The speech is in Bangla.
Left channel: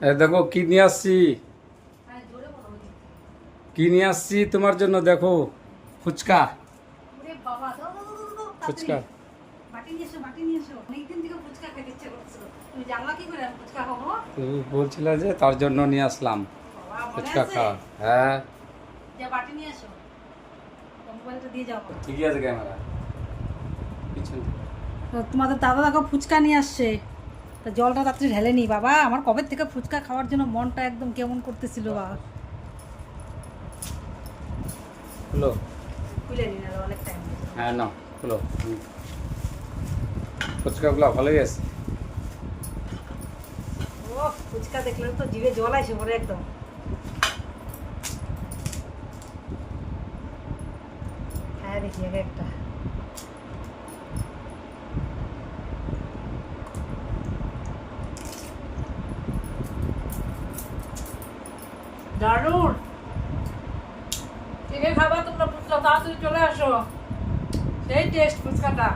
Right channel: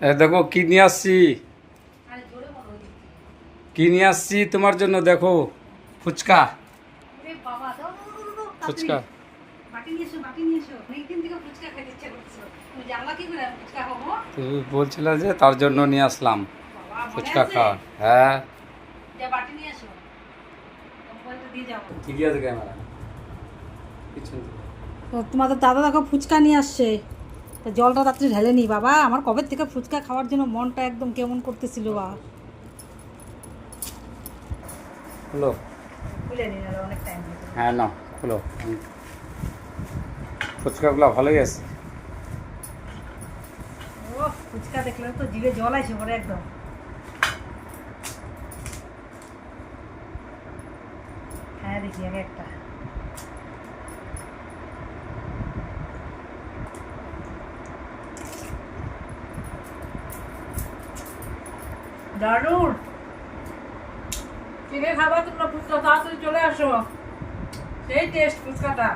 দেখো কি নিয়ে আসছি, কি নিয়ে আসছি তোমার জন্য। দেখো ফুচকা, ফুচকা। তুমি বলছিলে যে তার জন্য নিয়ে আসলাম ফুচকা খাওয়ার। হ্যাঁ, ঠিকই আছে ক্যামেরা। তো তোমাদের দাদা দেখো ফুচকা নিয়ে আসছে, তা জলটা রাত্রে ঢেলে নি বাবা। আমার কবে থেকে ফুচকা খাওয়ার জন্য মনটা একদম কেমন করতেছিল বাবা। খুলো। খুলে নিন, আর অনেক টাইম লাগে। হ্যাঁ না, খুলো। ফুচকাগুলো ভালোই আছে। ও ফুচকা দেখলে তো জিভে জল আসে পরে একদম। হ্যাঁ দেখি আগে একটা। দারুণ। কিনে খাবা তোমরা ফুচকা, তাড়াতাড়ি চলে আসো। সেই টেস্ট ফুচকাটা।